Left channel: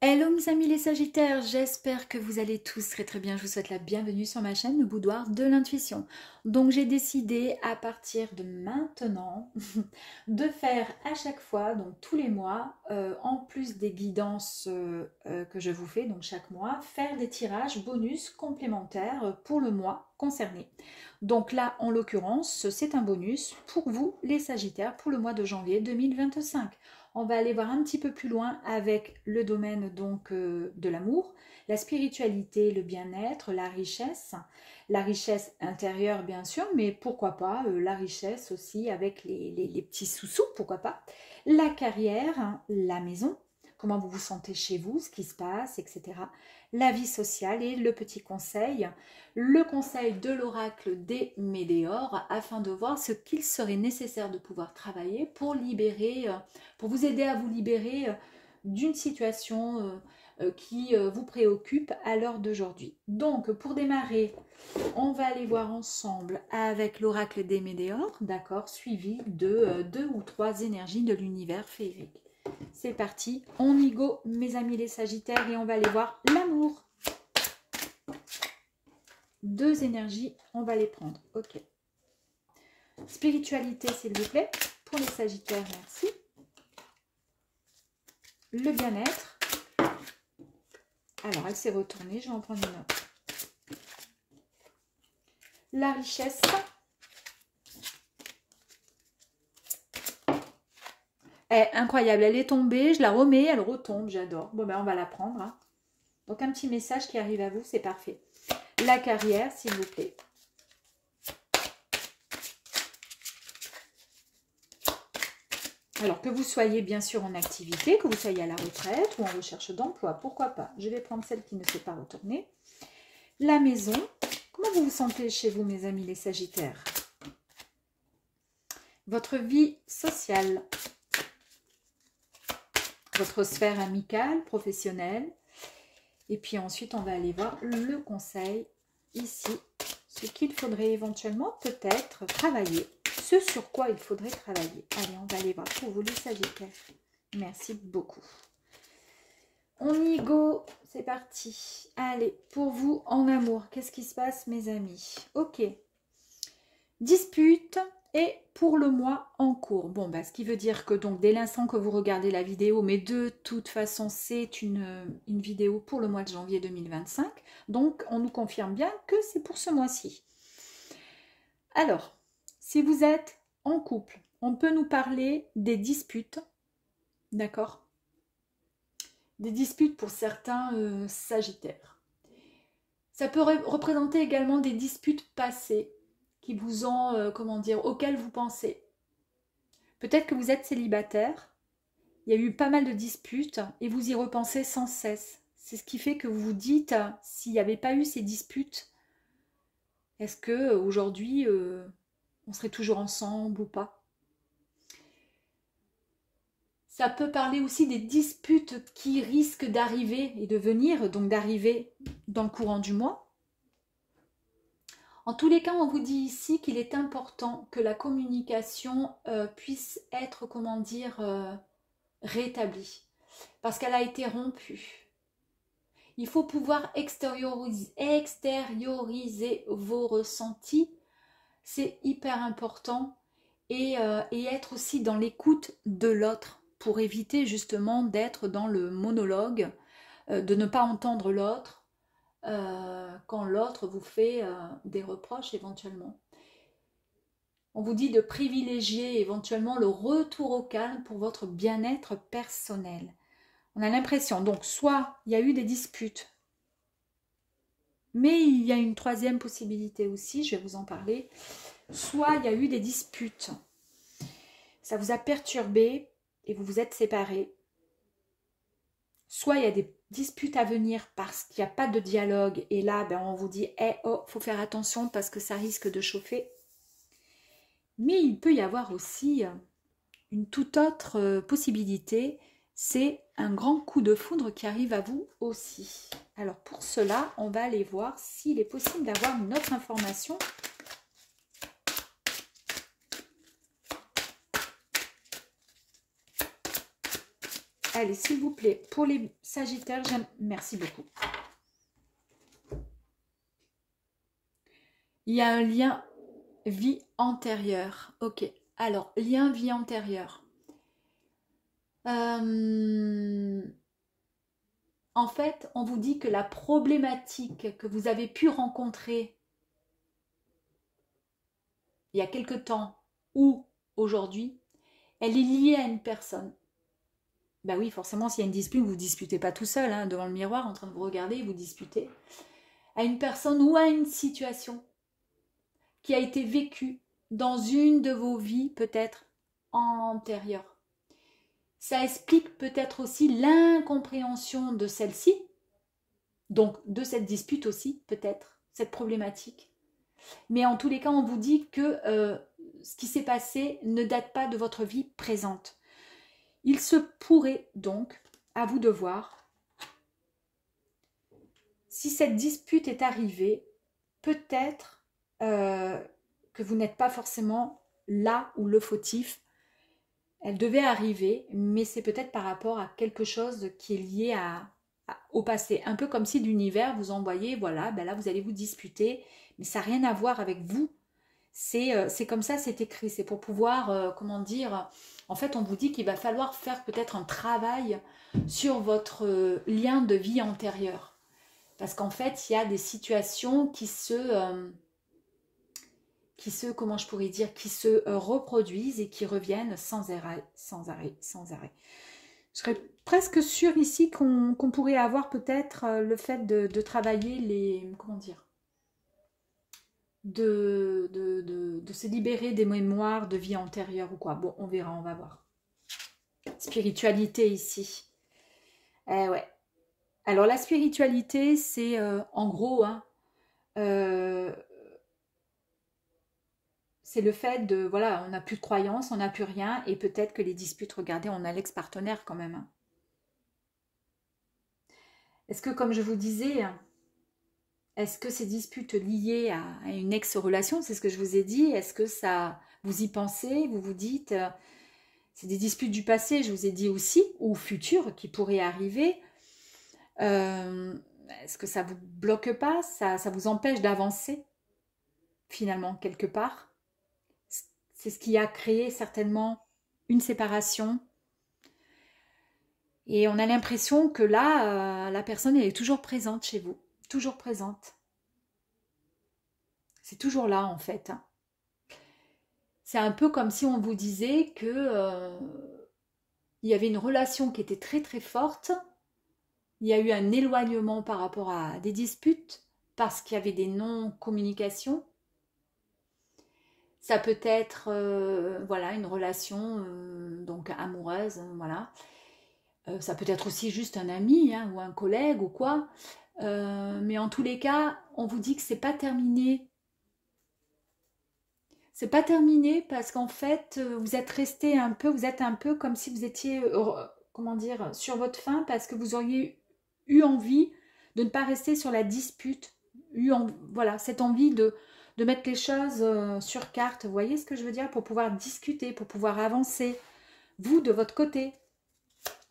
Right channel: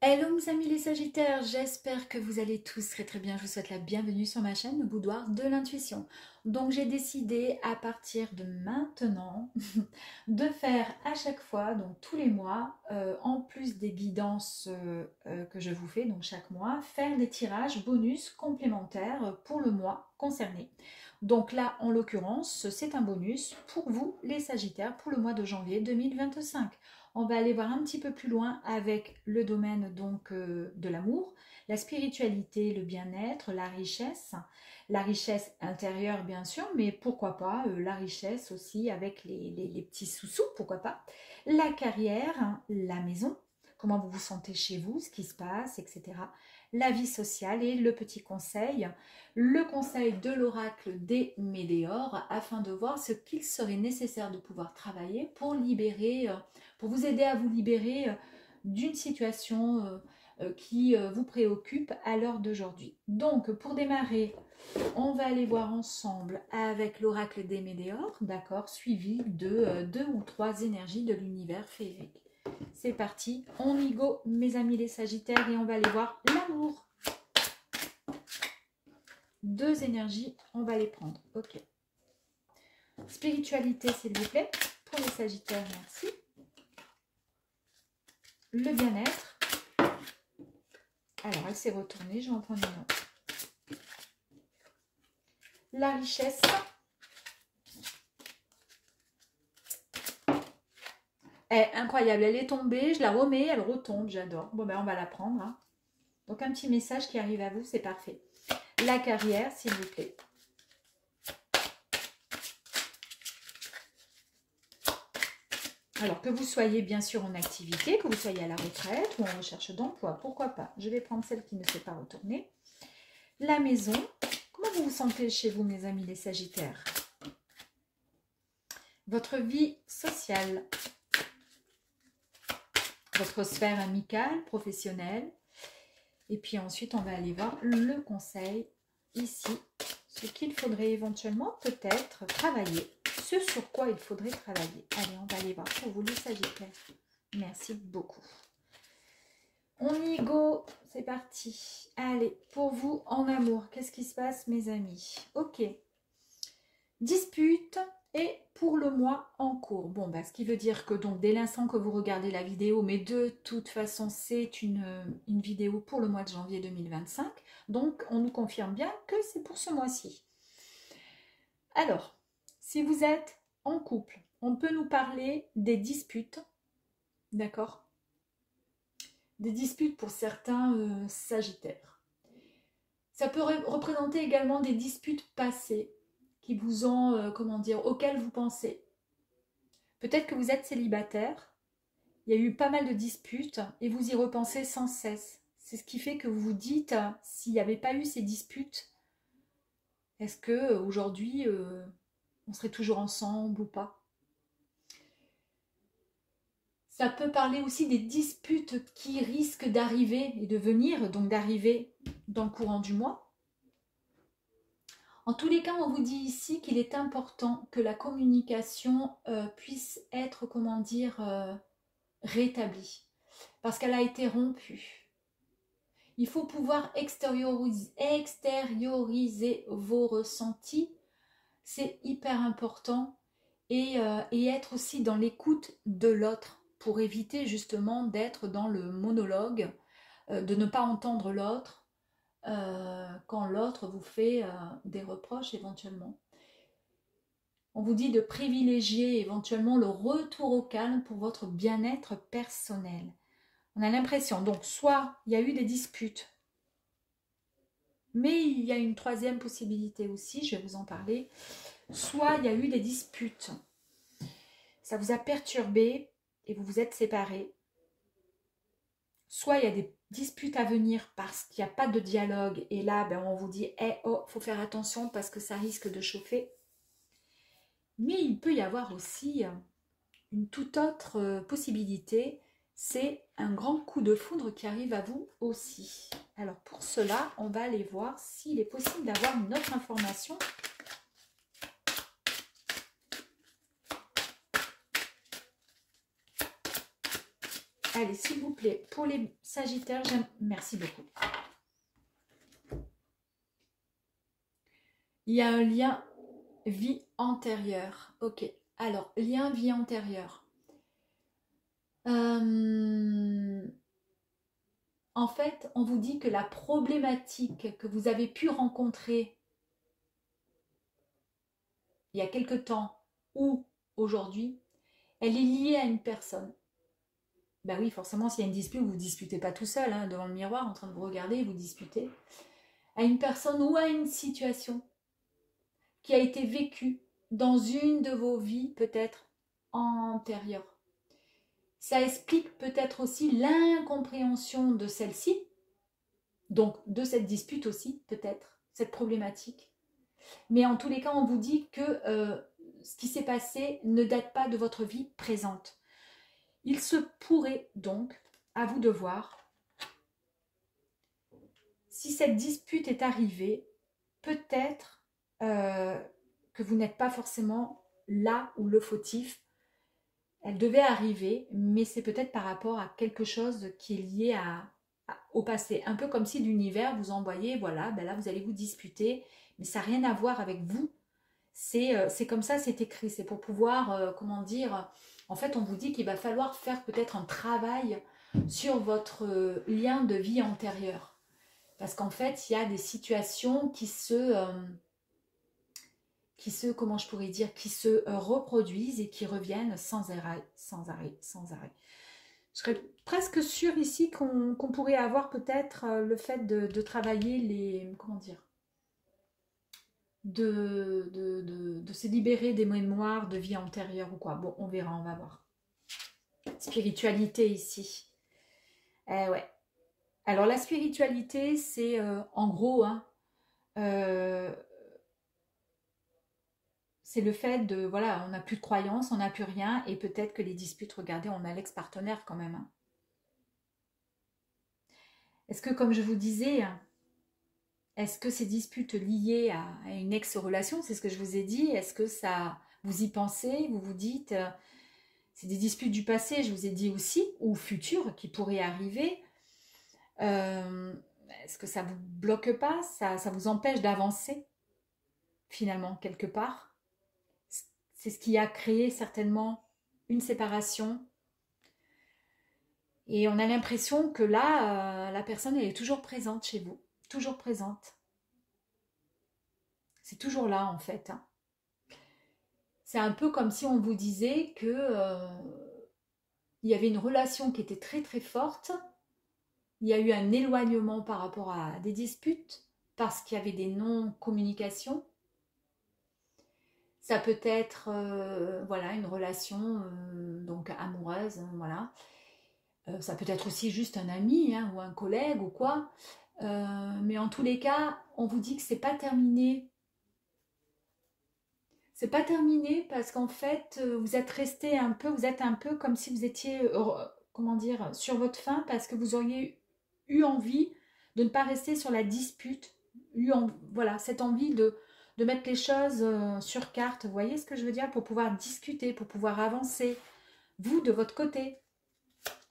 Hello mes amis les Sagittaires, j'espère que vous allez tous très bien. Je vous souhaite la bienvenue sur ma chaîne, le boudoir de l'intuition. Donc j'ai décidé à partir de maintenant de faire à chaque fois, donc tous les mois, en plus des guidances que je vous fais, donc chaque mois, faire des tirages bonus complémentaires pour le mois concerné. Donc là, en l'occurrence, c'est un bonus pour vous les Sagittaires pour le mois de janvier 2025. On va aller voir un petit peu plus loin avec le domaine donc de l'amour, la spiritualité, le bien-être, la richesse intérieure bien sûr, mais pourquoi pas la richesse aussi avec les petits sous-sous, pourquoi pas, la carrière, hein, la maison, comment vous vous sentez chez vous, ce qui se passe, etc. La vie sociale et le conseil de l'oracle des Médéors afin de voir ce qu'il serait nécessaire de pouvoir travailler pour libérer pour vous aider à vous libérer d'une situation qui vous préoccupe à l'heure d'aujourd'hui. Donc, pour démarrer, on va aller voir ensemble avec l'oracle des Médéors, d'accord, suivi de 2 ou 3 énergies de l'univers féerique. C'est parti, on y go, mes amis les Sagittaires, et on va aller voir l'amour. 2 énergies, on va les prendre, ok. Spiritualité, s'il vous plaît, pour les Sagittaires, merci. Le bien-être. Alors, elle s'est retournée, je vais en prendre une autre. La richesse. Incroyable, elle est tombée, je la remets, elle retombe, j'adore. Bon, ben, on va la prendre. Hein. Donc, un petit message qui arrive à vous, c'est parfait. La carrière, s'il vous plaît. Alors, que vous soyez bien sûr en activité, que vous soyez à la retraite ou en recherche d'emploi, pourquoi pas. Je vais prendre celle qui ne s'est pas retournée. La maison. Comment vous vous sentez chez vous, mes amis les Sagittaires? Votre vie sociale. Votre sphère amicale, professionnelle. Et puis ensuite, on va aller voir le conseil ici. Ce qu'il faudrait éventuellement peut-être travailler. Ce sur quoi il faudrait travailler. Allez, on va aller voir pour vous les Sagittaires. Merci beaucoup. On y go, c'est parti. Allez, pour vous en amour, qu'est-ce qui se passe mes amis? Ok. Dispute et pour le mois en cours. Bon, bah, ce qui veut dire que donc dès l'instant que vous regardez la vidéo, mais de toute façon c'est une vidéo pour le mois de janvier 2025. Donc on nous confirme bien que c'est pour ce mois-ci. Alors, si vous êtes en couple, on peut nous parler des disputes, d'accord? Des disputes pour certains Sagittaires. Ça peut représenter également des disputes passées qui vous ont, comment dire, auxquelles vous pensez. Peut-être que vous êtes célibataire, il y a eu pas mal de disputes et vous y repensez sans cesse. C'est ce qui fait que vous vous dites, s'il n'y avait pas eu ces disputes, est-ce qu'aujourd'hui, on serait toujours ensemble ou pas? Ça peut parler aussi des disputes qui risquent d'arriver et de venir, donc d'arriver dans le courant du mois. En tous les cas, on vous dit ici qu'il est important que la communication puisse être, comment dire, rétablie. Parce qu'elle a été rompue. Il faut pouvoir extérioriser vos ressentis. C'est hyper important. Et être aussi dans l'écoute de l'autre pour éviter justement d'être dans le monologue, de ne pas entendre l'autre quand l'autre vous fait des reproches éventuellement. On vous dit de privilégier éventuellement le retour au calme pour votre bien-être personnel. On a l'impression, donc soit il y a eu des disputes, mais il y a une troisième possibilité aussi, je vais vous en parler, soit il y a eu des disputes. Ça vous a perturbé et vous vous êtes séparés. Soit il y a des disputes à venir parce qu'il n'y a pas de dialogue et là ben, on vous dit oh, faut faire attention parce que ça risque de chauffer. Mais il peut y avoir aussi une toute autre possibilité, c'est un grand coup de foudre qui arrive à vous aussi. Alors pour cela, on va aller voir s'il est possible d'avoir une autre information. Allez, s'il vous plaît, pour les Sagittaires, merci beaucoup. Il y a un lien vie antérieure. Ok. Alors, lien vie antérieure. En fait, on vous dit que la problématique que vous avez pu rencontrer il y a quelque temps ou aujourd'hui, elle est liée à une personne. Ben oui, forcément, s'il y a une dispute, vous ne vous disputez pas tout seul, hein, devant le miroir, en train de vous regarder, vous disputez. À une personne ou à une situation qui a été vécue dans une de vos vies, peut-être antérieures. Ça explique peut-être aussi l'incompréhension de celle-ci, donc de cette dispute aussi, peut-être, cette problématique. Mais en tous les cas, on vous dit que ce qui s'est passé ne date pas de votre vie présente. Il se pourrait donc, à vous de voir, si cette dispute est arrivée, peut-être que vous n'êtes pas forcément là où le fautif. Elle devait arriver, mais c'est peut-être par rapport à quelque chose qui est lié au passé. Un peu comme si l'univers vous envoyait, voilà, ben là vous allez vous disputer, mais ça n'a rien à voir avec vous. C'est comme ça, c'est écrit. C'est pour pouvoir, comment dire, en fait on vous dit qu'il va falloir faire peut-être un travail sur votre lien de vie antérieur. Parce qu'en fait, il y a des situations qui comment je pourrais dire, qui se reproduisent et qui reviennent sans arrêt, sans arrêt, sans arrêt. Je serais presque sûre ici qu'on pourrait avoir peut-être le fait de travailler les, comment dire, de se libérer des mémoires de vie antérieure ou quoi. Bon, on verra, on va voir. Spiritualité ici. Eh ouais. Alors la spiritualité, c'est en gros, hein, c'est le fait de, voilà, on n'a plus de croyances, on n'a plus rien, et peut-être que les disputes, regardez, on a l'ex-partenaire quand même. Hein. Est-ce que, comme je vous disais, est-ce que ces disputes liées à une ex-relation, c'est ce que je vous ai dit, est-ce que ça, vous y pensez, vous vous dites, c'est des disputes du passé, je vous ai dit aussi, ou futures, qui pourraient arriver. Est-ce que ça vous bloque pas, ça vous empêche d'avancer, finalement, quelque part? C'est ce qui a créé certainement une séparation. Et on a l'impression que là, la personne elle est toujours présente chez vous. Toujours présente. C'est toujours là en fait. C'est un peu comme si on vous disait que il y avait une relation qui était très très forte. Il y a eu un éloignement par rapport à des disputes parce qu'il y avait des non-communications. Ça peut être voilà, une relation donc amoureuse, voilà. Ça peut être aussi juste un ami hein, ou un collègue ou quoi. Mais en tous les cas, on vous dit que c'est pas terminé. C'est pas terminé parce qu'en fait, vous êtes resté un peu, vous êtes un peu comme si vous étiez, comment dire, sur votre faim parce que vous auriez eu envie de ne pas rester sur la dispute. Voilà, cette envie de mettre les choses sur carte. Vous voyez ce que je veux dire? Pour pouvoir discuter, pour pouvoir avancer. Vous, de votre côté.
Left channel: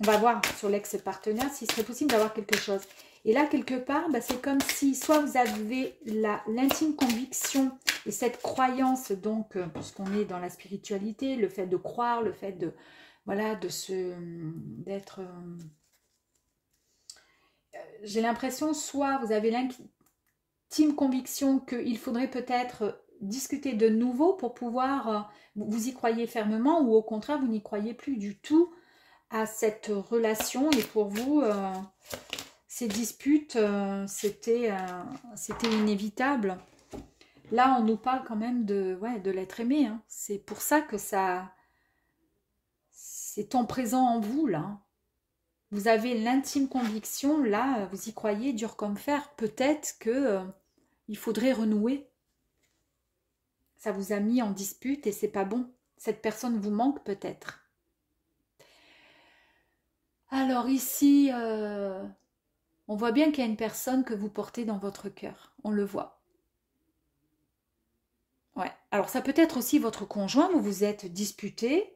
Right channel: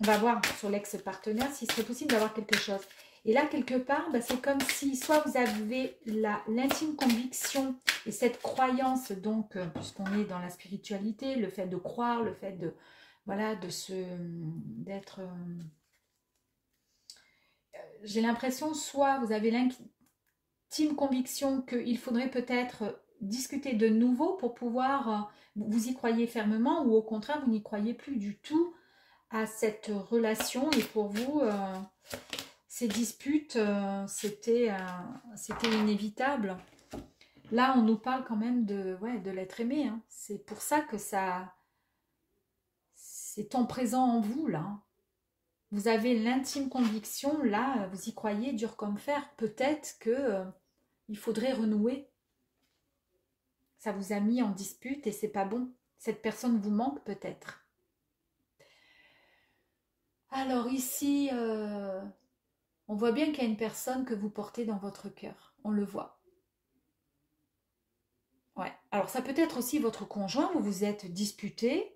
On va voir sur l'ex-partenaire s'il serait possible d'avoir quelque chose. Et là, quelque part, bah, c'est comme si soit vous avez l'intime conviction et cette croyance, donc, puisqu'on est dans la spiritualité, le fait de croire, le fait de, voilà, d'être... j'ai l'impression, soit vous avez l'intime conviction qu'il faudrait peut-être discuter de nouveau pour pouvoir, vous y croyez fermement, ou au contraire, vous n'y croyez plus du tout à cette relation, et pour vous, ces disputes, c'était inévitable. Là, on nous parle quand même de l'être aimé. Hein. C'est pour ça que c'est en présent en vous, là. Vous avez l'intime conviction, là, vous y croyez dur comme fer. Peut-être que il faudrait renouer. Ça vous a mis en dispute et c'est pas bon. Cette personne vous manque peut-être. Alors ici, on voit bien qu'il y a une personne que vous portez dans votre cœur. On le voit. Ouais. Alors ça peut être aussi votre conjoint, vous vous êtes disputé.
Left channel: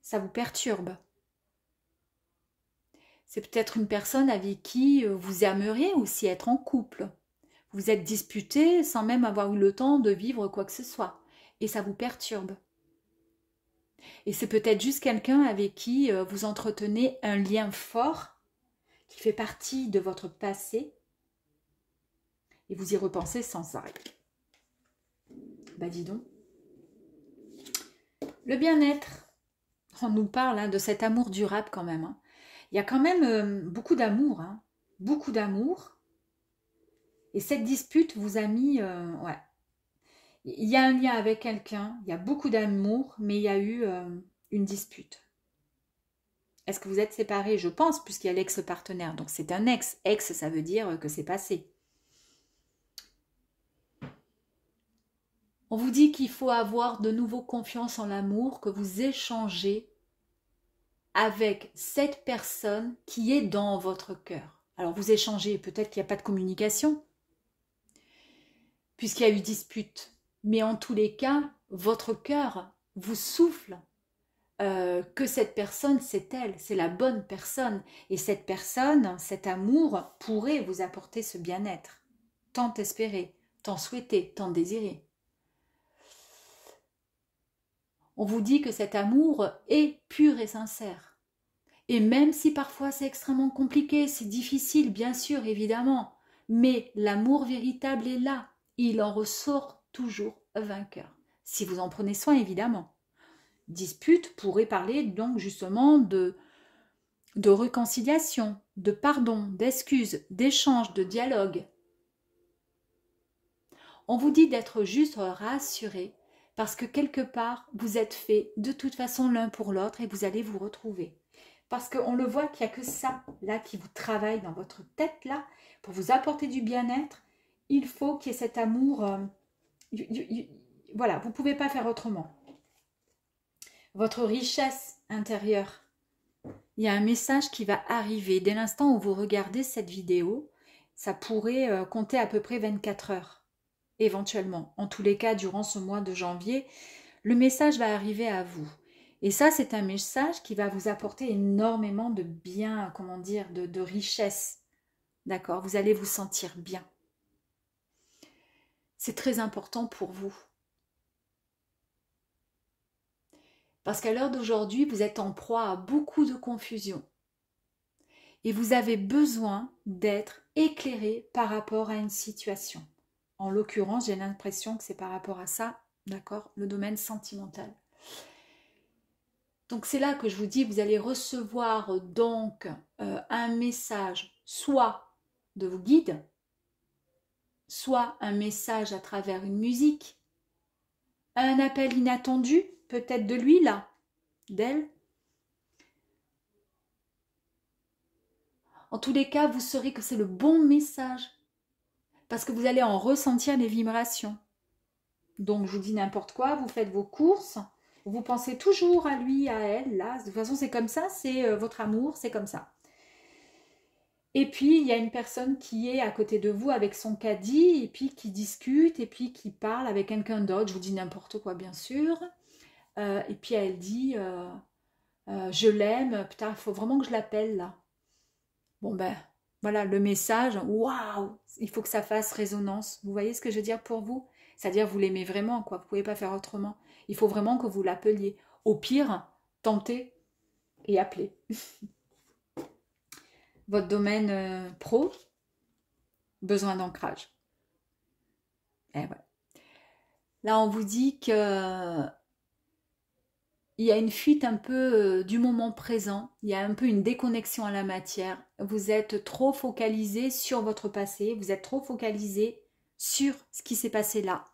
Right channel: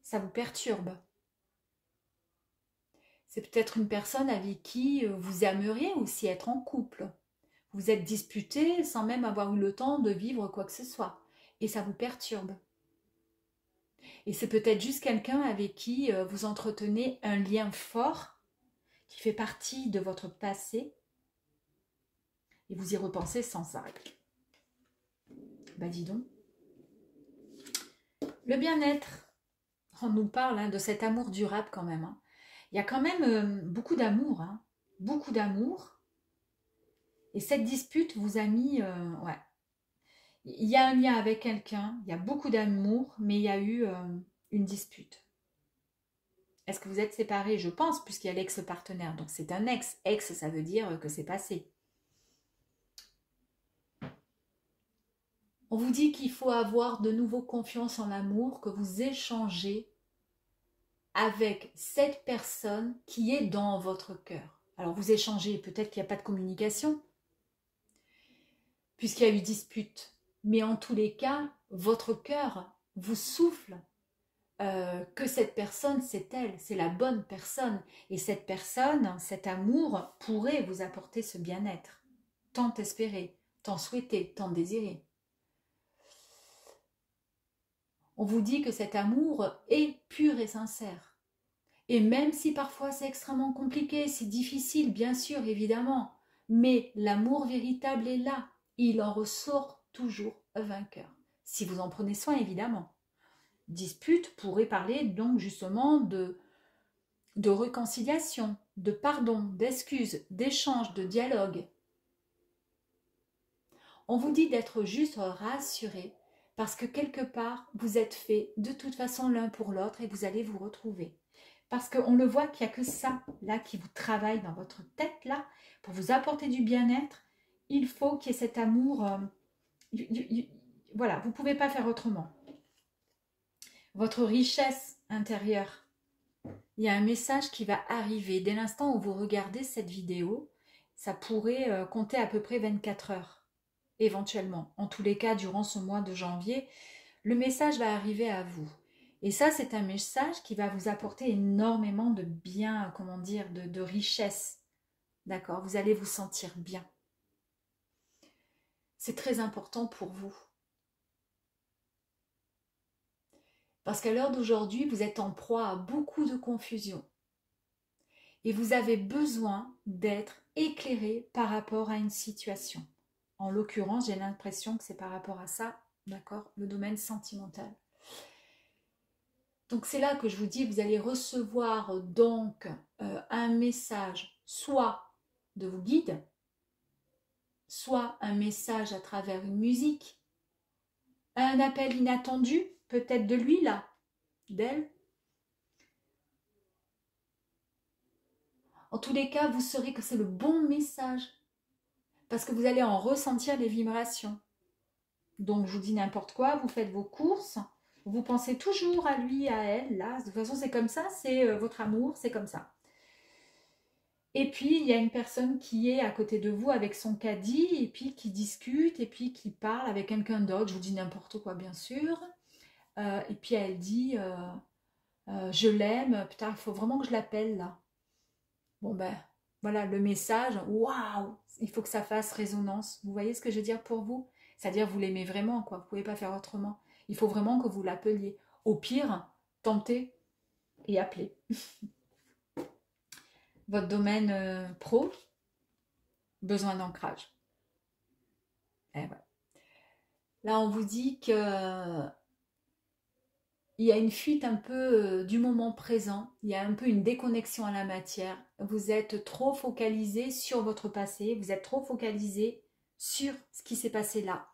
Ça vous perturbe. C'est peut-être une personne avec qui vous aimeriez aussi être en couple. Vous êtes disputé sans même avoir eu le temps de vivre quoi que ce soit. Et ça vous perturbe. Et c'est peut-être juste quelqu'un avec qui vous entretenez un lien fort qui fait partie de votre passé et vous y repensez sans arrêt. Bah dis donc. Le bien-être, on nous parle hein, de cet amour durable quand même. Hein. Il y a quand même beaucoup d'amour, hein, beaucoup d'amour. Et cette dispute vous a mis, ouais. Il y a un lien avec quelqu'un, il y a beaucoup d'amour, mais il y a eu une dispute. Est-ce que vous êtes séparés? Je pense, puisqu'il y a l'ex-partenaire. Donc c'est un ex. Ex, ça veut dire que c'est passé. On vous dit qu'il faut avoir de nouveau confiance en l'amour, que vous échangez avec cette personne qui est dans votre cœur. Alors vous échangez, peut-être qu'il n'y a pas de communication, puisqu'il y a eu dispute. Mais en tous les cas, votre cœur vous souffle que cette personne, c'est elle, c'est la bonne personne. Et cette personne, cet amour, pourrait vous apporter ce bien-être. Tant espéré, tant souhaité, tant désiré. On vous dit que cet amour est pur et sincère. Et même si parfois c'est extrêmement compliqué, c'est difficile, bien sûr, évidemment, mais l'amour véritable est là. Il en ressort toujours vainqueur. Si vous en prenez soin, évidemment. Dispute pourrait parler donc justement de réconciliation, de pardon, d'excuses, d'échange, de dialogue. On vous dit d'être juste rassuré parce que quelque part, vous êtes faits de toute façon l'un pour l'autre et vous allez vous retrouver. Parce qu'on le voit qu'il n'y a que ça, là, qui vous travaille dans votre tête, là, pour vous apporter du bien-être. Il faut qu'il y ait cet amour. Voilà, vous ne pouvez pas faire autrement. Votre richesse intérieure. Il y a un message qui va arriver. Dès l'instant où vous regardez cette vidéo, ça pourrait compter à peu près 24 heures, éventuellement. En tous les cas, durant ce mois de janvier, le message va arriver à vous. Et ça, c'est un message qui va vous apporter énormément de bien, comment dire, de richesse. D'accord? Vous allez vous sentir bien. C'est très important pour vous. Parce qu'à l'heure d'aujourd'hui, vous êtes en proie à beaucoup de confusion. Et vous avez besoin d'être éclairé par rapport à une situation. En l'occurrence, j'ai l'impression que c'est par rapport à ça, d'accord, le domaine sentimental. Donc c'est là que je vous dis, vous allez recevoir donc un message, soit de vos guides, soit un message à travers une musique, un appel inattendu, peut-être de lui là, d'elle. En tous les cas, vous saurez que c'est le bon message parce que vous allez en ressentir les vibrations. Donc, je vous dis n'importe quoi, vous faites vos courses, vous pensez toujours à lui, à elle, là. De toute façon, c'est comme ça, c'est votre amour, c'est comme ça. Et puis, il y a une personne qui est à côté de vous avec son caddie, et puis qui discute, et puis qui parle avec quelqu'un d'autre. Je vous dis n'importe quoi, bien sûr. Et puis, elle dit, je l'aime, putain, il faut vraiment que je l'appelle, là. Bon, ben, voilà, le message, waouh, il faut que ça fasse résonance. Vous voyez ce que je veux dire pour vous? C'est-à-dire, vous l'aimez vraiment, quoi. Vous ne pouvez pas faire autrement. Il faut vraiment que vous l'appeliez. Au pire, tentez et appelez. Votre domaine pro, besoin d'ancrage. Et voilà. Là, on vous dit que il y a une fuite un peu du moment présent, il y a un peu une déconnexion à la matière. Vous êtes trop focalisé sur votre passé, vous êtes trop focalisé sur ce qui s'est passé là.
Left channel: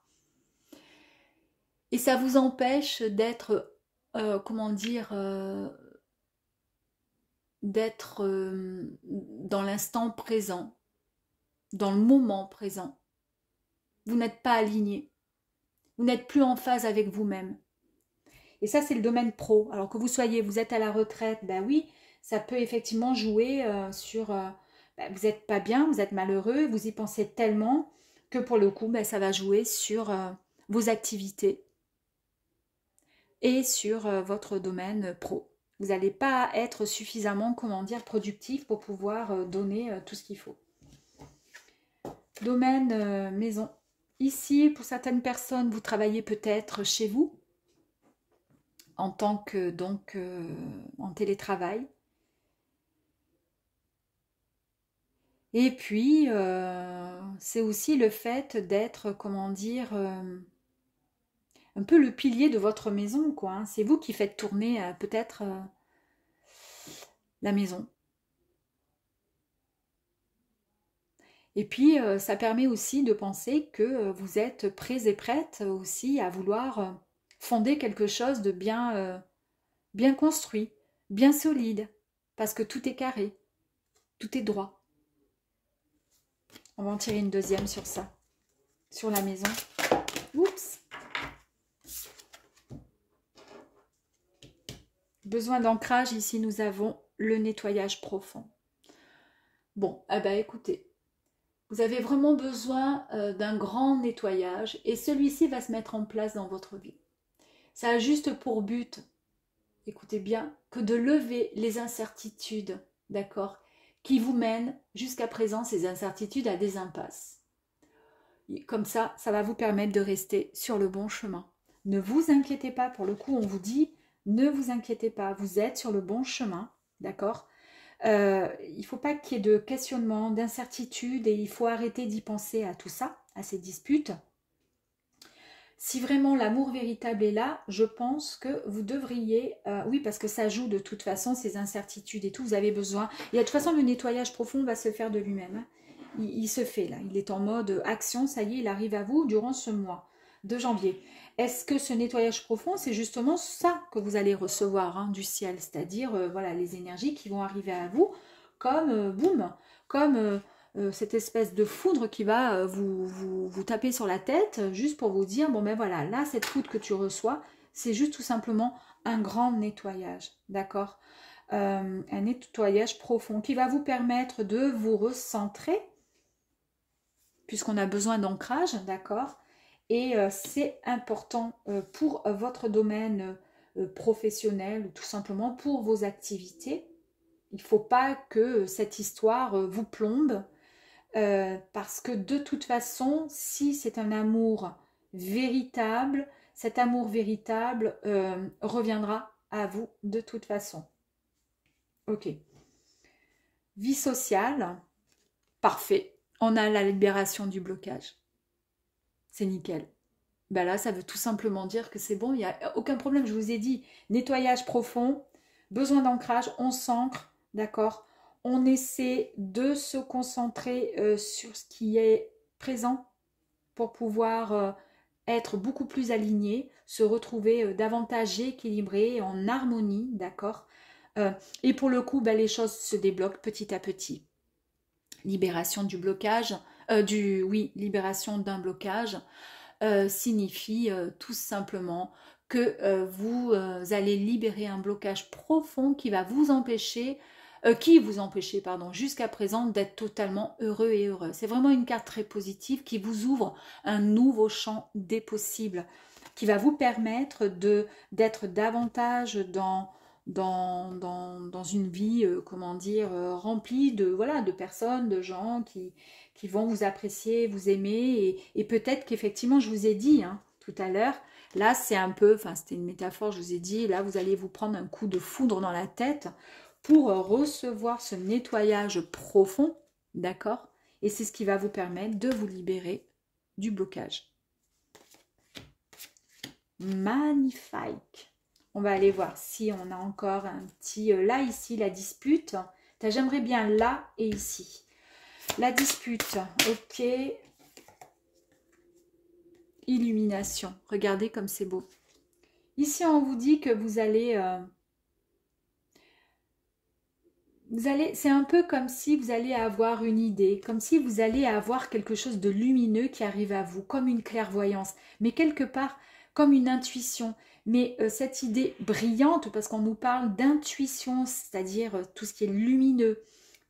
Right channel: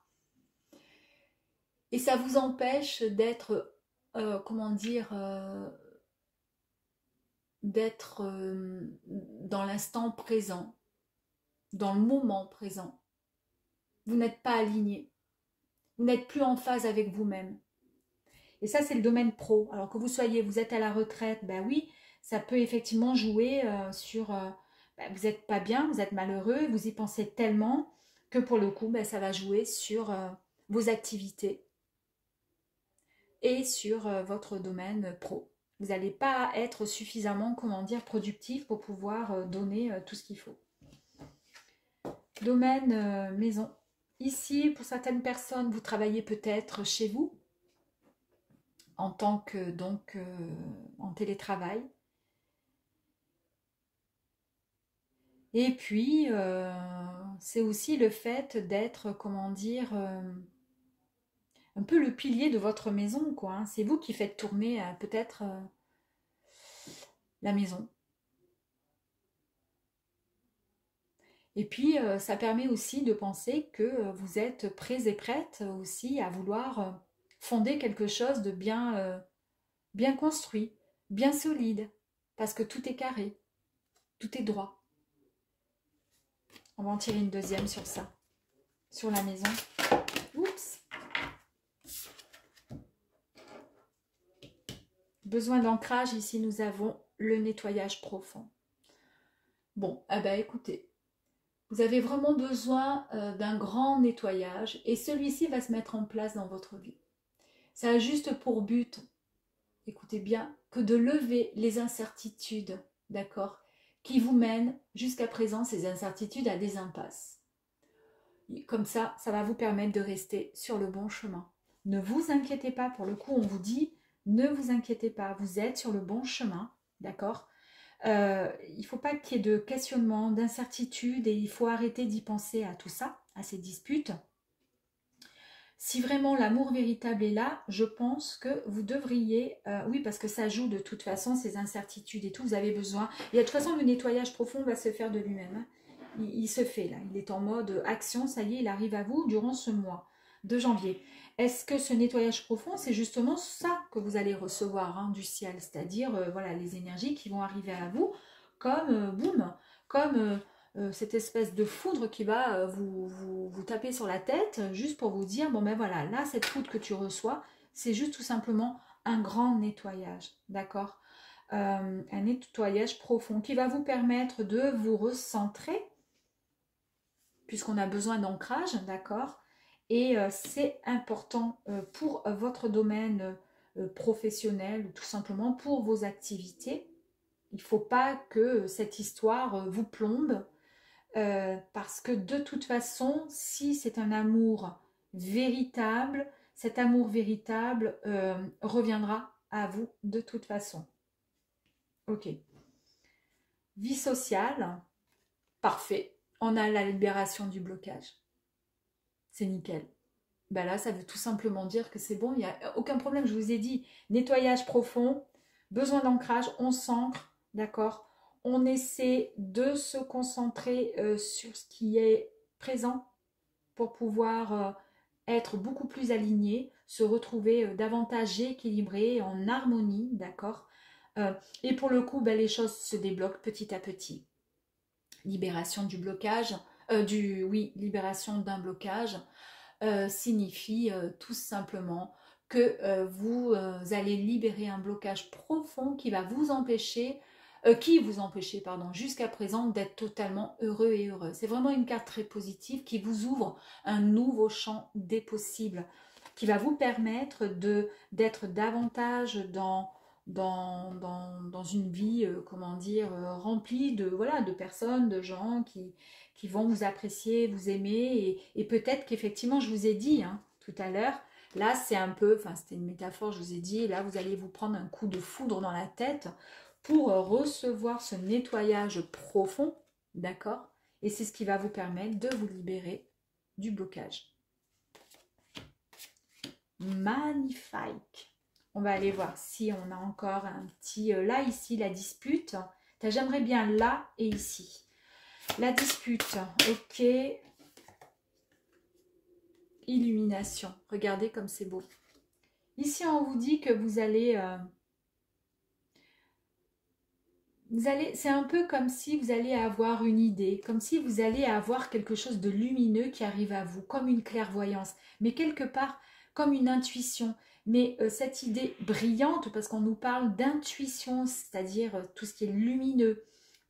Et ça vous empêche d'être, comment dire, d'être dans l'instant présent, dans le moment présent. Vous n'êtes pas aligné, vous n'êtes plus en phase avec vous-même. Et ça, c'est le domaine pro. Alors que vous êtes à la retraite, ben oui, ça peut effectivement jouer sur... ben vous n'êtes pas bien, vous êtes malheureux, vous y pensez tellement que pour le coup, ben, ça va jouer sur vos activités et sur votre domaine pro. Vous n'allez pas être suffisamment, comment dire, productif pour pouvoir donner tout ce qu'il faut. Domaine maison. Ici, pour certaines personnes, vous travaillez peut-être chez vous en tant que, donc, en télétravail. Et puis, c'est aussi le fait d'être, comment dire, un peu le pilier de votre maison, quoi. Hein. C'est vous qui faites tourner peut-être la maison. Et puis, ça permet aussi de penser que vous êtes prêts et prêtes aussi à vouloir fonder quelque chose de bien, bien construit, bien solide, parce que tout est carré, tout est droit. On va en tirer une deuxième sur ça, sur la maison. Oups! Besoin d'ancrage, ici nous avons le nettoyage profond. Bon, eh ben écoutez, vous avez vraiment besoin d'un grand nettoyage et celui-ci va se mettre en place dans votre vie. Ça a juste pour but, écoutez bien, que de lever les incertitudes, d'accord, qui vous mènent jusqu'à présent, ces incertitudes, à des impasses. Et comme ça, ça va vous permettre de rester sur le bon chemin. Ne vous inquiétez pas, pour le coup, on vous dit, ne vous inquiétez pas, vous êtes sur le bon chemin, d'accord. Il ne faut pas qu'il y ait de questionnement, d'incertitude et il faut arrêter d'y penser à tout ça, à ces disputes. Si vraiment l'amour véritable est là, je pense que vous devriez, oui parce que ça joue de toute façon ces incertitudes et tout, vous avez besoin, et de toute façon le nettoyage profond va se faire de lui-même, hein. Il se fait là, il est en mode action, ça y est, il arrive à vous durant ce mois de janvier. Est-ce que ce nettoyage profond, c'est justement ça que vous allez recevoir hein, du ciel, c'est-à-dire voilà, les énergies qui vont arriver à vous comme boum, comme cette espèce de foudre qui va vous taper sur la tête juste pour vous dire, bon ben voilà, là cette foudre que tu reçois, c'est juste tout simplement un grand nettoyage, d'accord, un nettoyage profond qui va vous permettre de vous recentrer puisqu'on a besoin d'ancrage, d'accord. Et c'est important pour votre domaine professionnel ou tout simplement pour vos activités. Il ne faut pas que cette histoire vous plombe parce que de toute façon, si c'est un amour véritable, cet amour véritable reviendra à vous de toute façon. Ok. Vie sociale, parfait. On a la libération du blocage. C'est nickel. Ben là, ça veut tout simplement dire que c'est bon, il n'y a aucun problème. Je vous ai dit, nettoyage profond, besoin d'ancrage, on s'ancre, d'accord. On essaie de se concentrer sur ce qui est présent pour pouvoir être beaucoup plus aligné, se retrouver davantage équilibré, en harmonie, d'accord. Et pour le coup, ben, les choses se débloquent petit à petit. Libération du blocage, libération d'un blocage signifie tout simplement que vous allez libérer un blocage profond qui va vous empêcher, pardon, jusqu'à présent d'être totalement heureux et heureux. C'est vraiment une carte très positive qui vous ouvre un nouveau champ des possibles, qui va vous permettre d'être davantage dans une vie, comment dire, remplie de, voilà, de personnes, de gens qui vont vous apprécier, vous aimer, et peut-être qu'effectivement, je vous ai dit hein, tout à l'heure, là c'est un peu, enfin c'était une métaphore, je vous ai dit, là vous allez vous prendre un coup de foudre dans la tête pour recevoir ce nettoyage profond, d'accord? Et c'est ce qui va vous permettre de vous libérer du blocage. Magnifique! On va aller voir si on a encore un petit... là, ici, la dispute. J'aimerais bien là et ici. La dispute, ok. Illumination. Regardez comme c'est beau. Ici, on vous dit que vous allez... c'est un peu comme si vous allez avoir une idée, comme si vous allez avoir quelque chose de lumineux qui arrive à vous, comme une clairvoyance, mais quelque part comme une intuition. Mais cette idée brillante, parce qu'on nous parle d'intuition, c'est-à-dire tout ce qui est lumineux,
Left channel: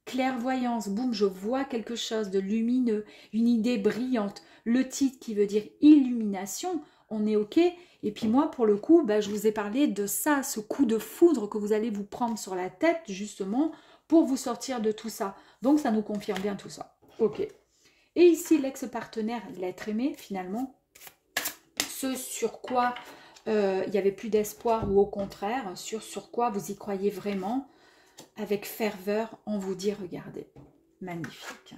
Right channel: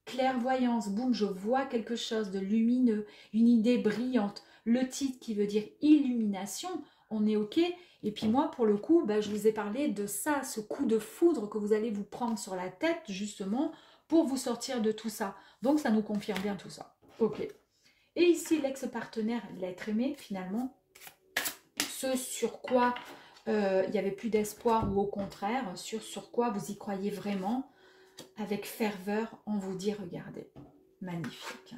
clairvoyance, boum, je vois quelque chose de lumineux, une idée brillante. Le titre qui veut dire illumination, on est OK. Et puis moi, pour le coup, bah, je vous ai parlé de ça, ce coup de foudre que vous allez vous prendre sur la tête, justement, pour vous sortir de tout ça. Donc, ça nous confirme bien tout ça. OK. Et ici, l'ex-partenaire, l'être aimé, finalement, ce sur quoi il n'y avait plus d'espoir, ou au contraire, sur quoi vous y croyez vraiment, avec ferveur, on vous dit, regardez, magnifique.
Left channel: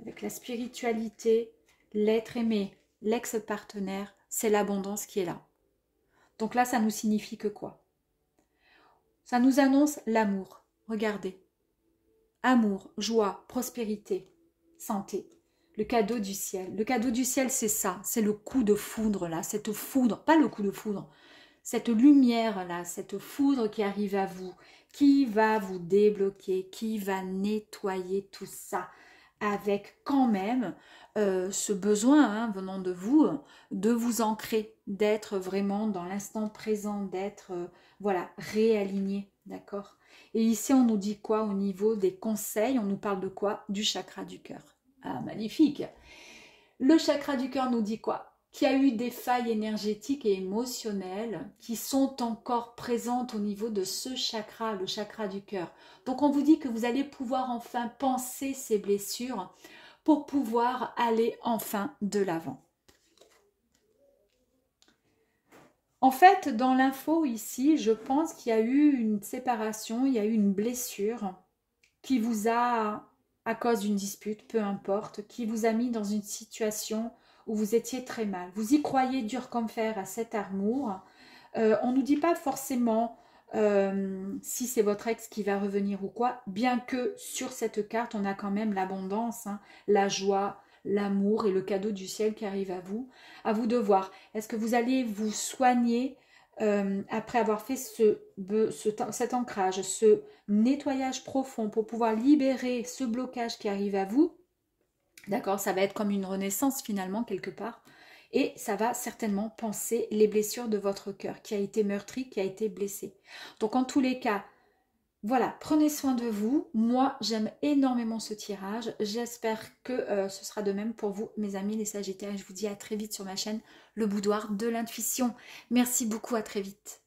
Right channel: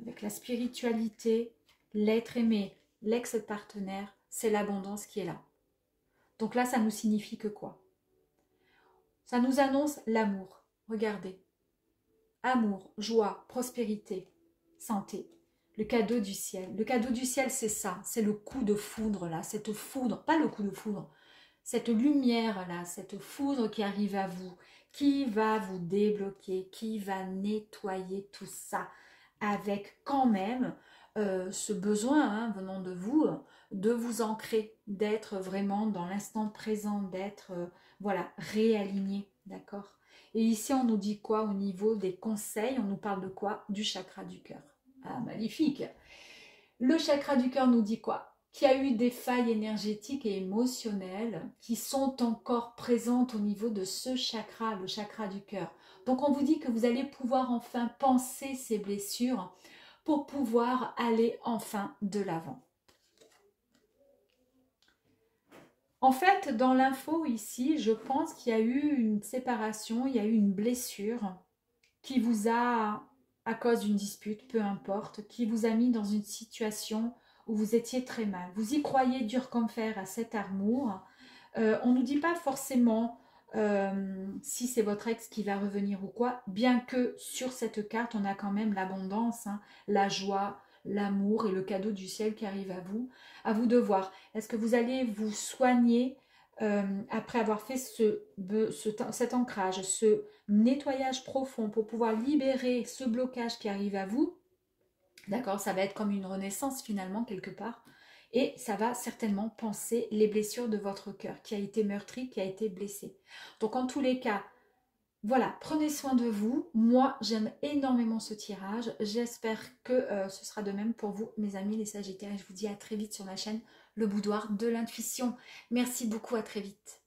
Avec la spiritualité, l'être aimé, l'ex-partenaire, c'est l'abondance qui est là. Donc là, ça nous signifie que quoi? Ça nous annonce l'amour. Regardez. Amour, joie, prospérité, santé. Le cadeau du ciel. Le cadeau du ciel, c'est ça. C'est le coup de foudre là. Cette foudre, pas le coup de foudre. Cette lumière là, cette foudre qui arrive à vous, qui va vous débloquer, qui va nettoyer tout ça. Avec quand même ce besoin venant de vous ancrer, d'être vraiment dans l'instant présent, d'être voilà, réaligné, d'accord? Et ici, on nous dit quoi au niveau des conseils? On nous parle de quoi? Du chakra du cœur. Ah, magnifique! Le chakra du cœur nous dit quoi? Qu'il y a eu des failles énergétiques et émotionnelles qui sont encore présentes au niveau de ce chakra, le chakra du cœur. Donc, on vous dit que vous allez pouvoir enfin penser ces blessures pour pouvoir aller enfin de l'avant. En fait, dans l'info ici, je pense qu'il y a eu une séparation, il y a eu une blessure qui vous a, à cause d'une dispute, peu importe, qui vous a mis dans une situation où vous étiez très mal. Vous y croyez dur comme fer à cet amour. On ne nous dit pas forcément si c'est votre ex qui va revenir ou quoi, bien que sur cette carte, on a quand même l'abondance, hein, la joie, l'amour et le cadeau du ciel qui arrive à vous. À vous de voir. Est-ce que vous allez vous soigner après avoir fait cet ancrage, ce nettoyage profond pour pouvoir libérer ce blocage qui arrive à vous? D'accord, ça va être comme une renaissance finalement quelque part. Et ça va certainement panser les blessures de votre cœur qui a été meurtri, qui a été blessé. Donc en tous les cas, voilà, prenez soin de vous. Moi, j'aime énormément ce tirage. J'espère que ce sera de même pour vous, mes amis les Sagittaires. Je vous dis à très vite sur ma chaîne, le boudoir de l'intuition. Merci beaucoup, à très vite.